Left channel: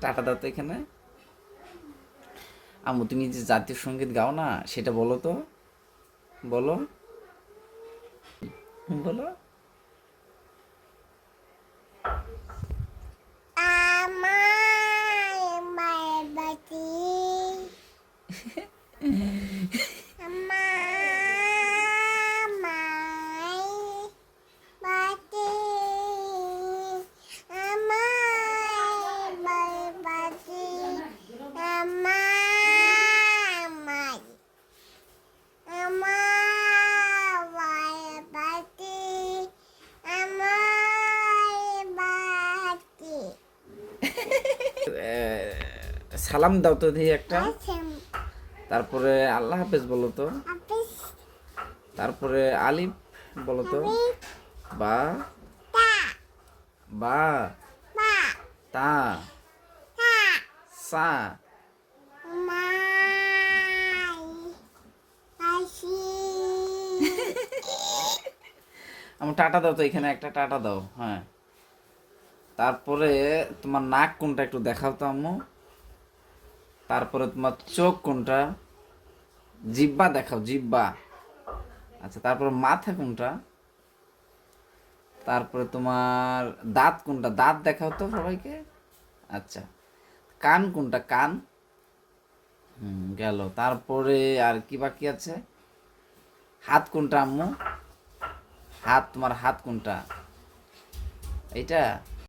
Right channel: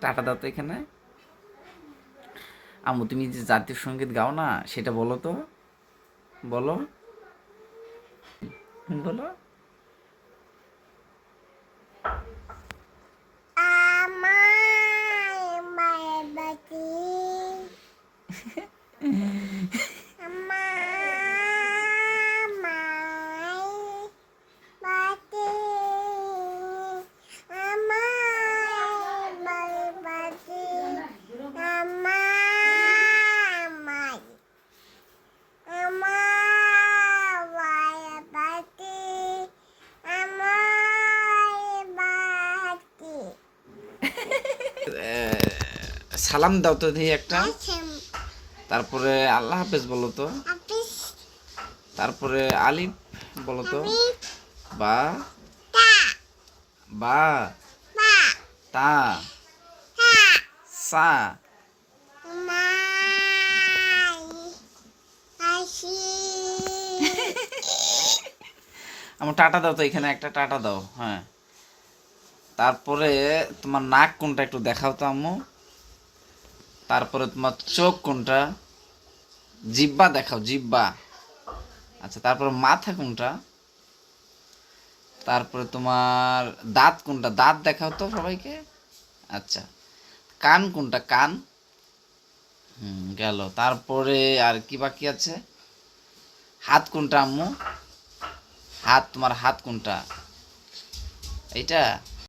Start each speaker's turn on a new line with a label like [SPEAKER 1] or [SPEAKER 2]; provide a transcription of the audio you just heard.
[SPEAKER 1] Tata দাও তো এখানে। আম্মু তুমি যে জাতীয় সংগীত গাও না সেটা বলো তো। বলো। বলো।
[SPEAKER 2] আমার
[SPEAKER 1] সালাম দাও তো দেখি একটা। তারপরে আল্লাহ হাফেজ বলো তো। তারপরে আলিফ বলো তো। বা। বা। তা। সা। আমার টাটা দাও তো এখানে একটা টাটা দাও হ্যাঁ। তারপরে তোমার নাক কোনটা একটু দেখাও তো আম্মু। তারপরে তোমার চোখ কোনটা? জিব্বা দেখাও জিব্বা আচ্ছা তারপরে মাথা কোনটা? তারপরে তোমার দাঁত কোনটা? দাঁত দেখাও তো সবাইকে। আচ্ছা কান কোনটা? কান। হুম, গেল। তারপরে আর কি বাকি আছে? হাত কোনটা আম্মু? হাত, তোমার হাত কোনটা? এইটা?